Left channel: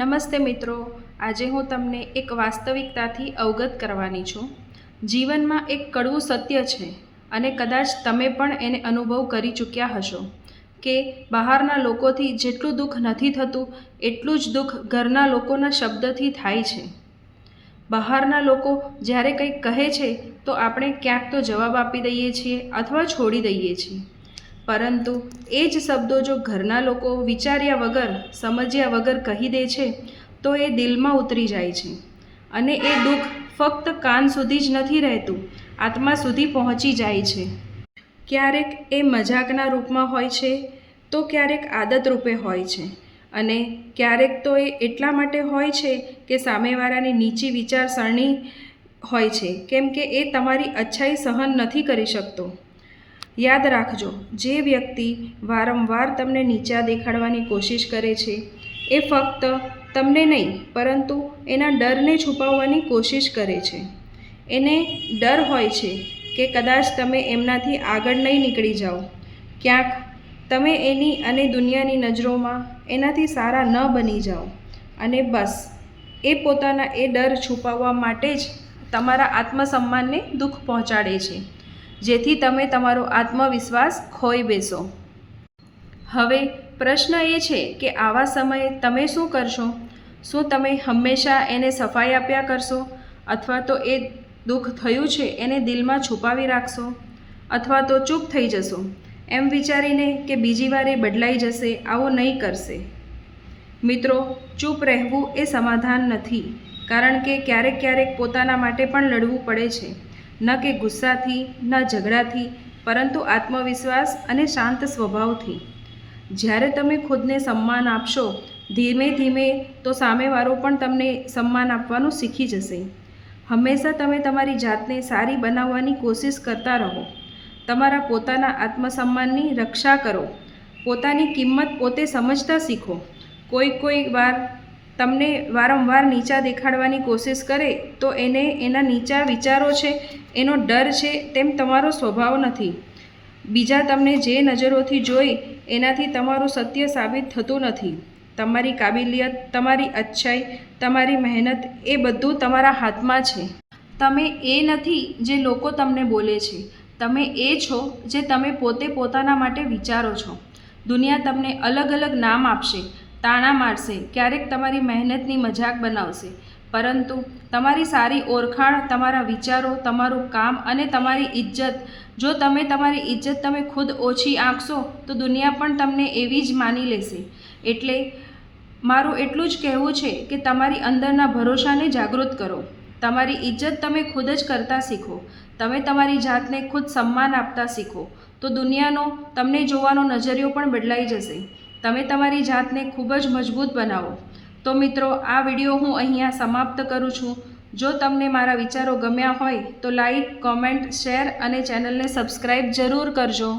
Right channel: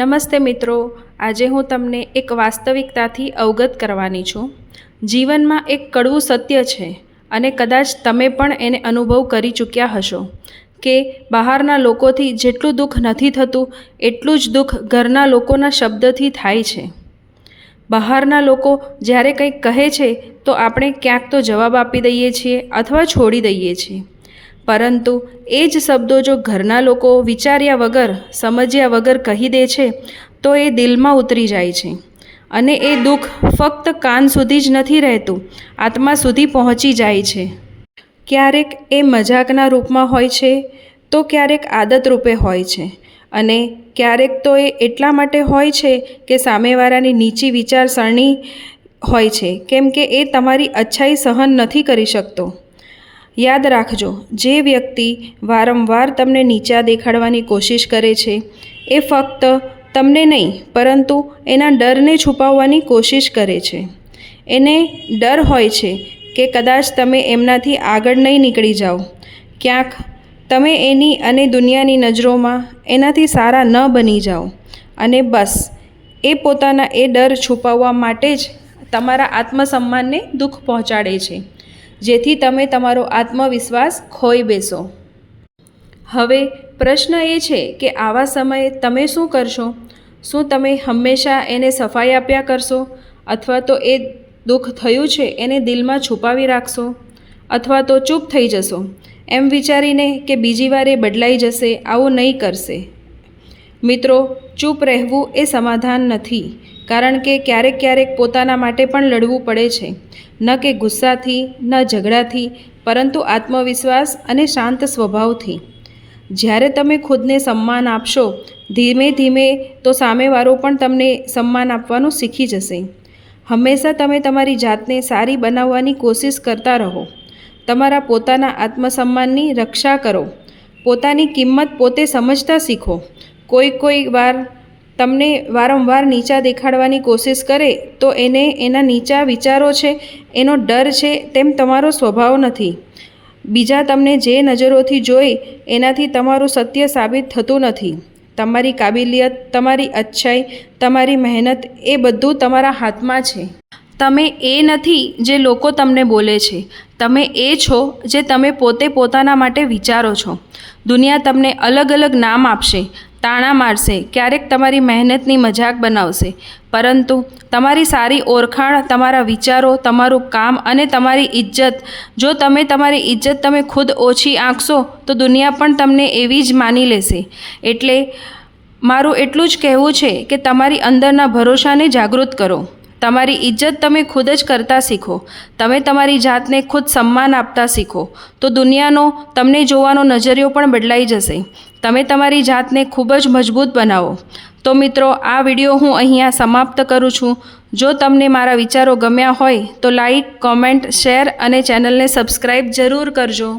નમસ્તે મિત્રો, આજે હું તમને એક વાસ્તવિકતાથી અવગત કરવાની છું। જીવનમાં એક કડવું સત્ય છે અને કદાચ તમે પણ એને અનુભવ કરી ચૂક્યા હશો કે બહારના લોકોથી જેટલું દુઃખ નથી થતું એટલું જ દુઃખ ઘરના લોકોના શબ્દથી થાય છે। બહારના લોકો જ્યારે કંઈક કહે છે તો આપણે ક્યાંક તો જવાબ આપી દઈએ છીએ અથવા છોડી દઈએ છીએ, પરંતુ એ જ શબ્દો જો ઘરના લોકો વિચાર્યા વગર સમજ્યા વગર કહી દે છે તો એ દિલમાં ઉતરી જાય છે અને એ દુઃખ ફક્ત કાન સુધી જ નથી રહેતું, આત્મા સુધી પહોંચી જાય છે। ક્યારેક એ મજાકના રૂપમાં હોય છે તો ક્યારેક આદત રૂપે હોય છે અને ક્યારેક તો એ એટલા માટે હોય છે કે સામેવાળાની નીચી વિચારસરણી હોય છે, કેમ કે એ તમારી અચ્છાઈ સહન નથી કરી શકતો। યાદ રાખજો, જે વ્યક્તિ વારંવાર તમને નીચા દેખાડવાની કોશિશ કરે છે એ ફક્ત તમને નહીં પરંતુ એના ડરને છુપાવવાની કોશિશ કરે છે। એને ડર હોય છે કે કદાચ તમે એમનાથી આગળ નહીં નીકળી જાઓ, ક્યાંક તમે એની અને દુનિયાની નજરોમાં એનાથી સારા ન બની જાઓ અને બસ એ પોતાના એ ડર છુપાવવા માટે જ તમારા આત્મસન્માનને દુઃખ પહોંચાડે છે, જેથી તમે તમારો આત્મવિશ્વાસ ખોઈ બેસો। હવે પ્રશ્ન એ છે કે આવા સમયે તમે શું કરશો? શું તમે હંમેશા એને સફાઈ આપ્યા કરશો અથવા તો એ દુઃખ થયું છે એને દિલમાં છુપાવી રાખશો અથવા તો ચૂપ થઈ જશો એમ વિચારીને કે બીજી વાર એ બદલાઈ જશે? આવું નહીં કરશે મિત્રો। ચૂપ રહેવું એ સમાધાન નથી, કારણ કે ક્યારેક ક્યારેક પોતાના માટે પણ લડવું પડે છે, ન કે ગુસ્સાથી ન ઝઘડાથી, પરંતુ આત્મવિશ્વાસ અને શાંત સ્વભાવથી। જ્યારે તમે ખુદને સન્માન આપશો ધીમે ધીમે તો સામેવાળો પણ તમને સન્માન આપવાનું શીખી જશે। હંમેશા તમે તમારી જાતને સારી બનાવવાની કોશિશ કરતા રહો, તમારા પોતાના આત્મસન્માનની રક્ષા કરો, પોતાની કિંમત પોતે સમજતા શીખો। કોઈ વાર તમને વારંવાર નીચા દેખાડવાની કોશિશ કરે તો એને એના નીચા વિચારો છે, એનો ડર છે, તેમ તમારો સ્વભાવ નથી। બીજા તમને જે નજરોથી જોઈ એનાથી તમારું સત્ય સાબિત થતું નથી। તમારી કાબિલિયત, તમારી અચ્છાઈ, તમારી મહેનત એ બધું તમારા હાથમાં છે। તમે એ નથી જે લોકો તમને બોલે છે, તમે એ છો જે તમે પોતે પોતાના માટે વિચારો છો। દુનિયા તમને અલગ અલગ નામ આપશે, તાણા મારશે, ક્યારેક તમારી મહેનતની મજાક બનાવશે, પરંતુ તમારી સારી ઓળખાણ, તમારા વિચારો, તમારું કામ અને તમારી ઇજ્જત, જો તમે તમારી ઇજ્જત તમે ખુદ ઓછી આંકશો તો દુનિયા પણ તમને એવી જ માની લેશે। એટલે મારું એટલું જ કહેવું છે કે તમારી અંદરના ભરોસાને જાગૃત કરો, તમારી ઇજ્જત તમે ખુદ જ કરતા શીખો, તમે તમારી જાતને ખુદ સન્માન આપતા શીખો, તો દુનિયાનો તમને જોવાનો નજરિયો પણ બદલાઈ જશે। તમે તમારી જાતને ખૂબ જ મજબૂત બનાવો। તો મિત્રો, આ વિડીયો હું અહીંયા સમાપ્ત કરું છું। જો તમને મારા વિચારો ગમ્યા હોય તો લાઈક, કોમેન્ટ, શેર અને ચેનલને સબસ્ક્રાઈબ જરૂર કરજો।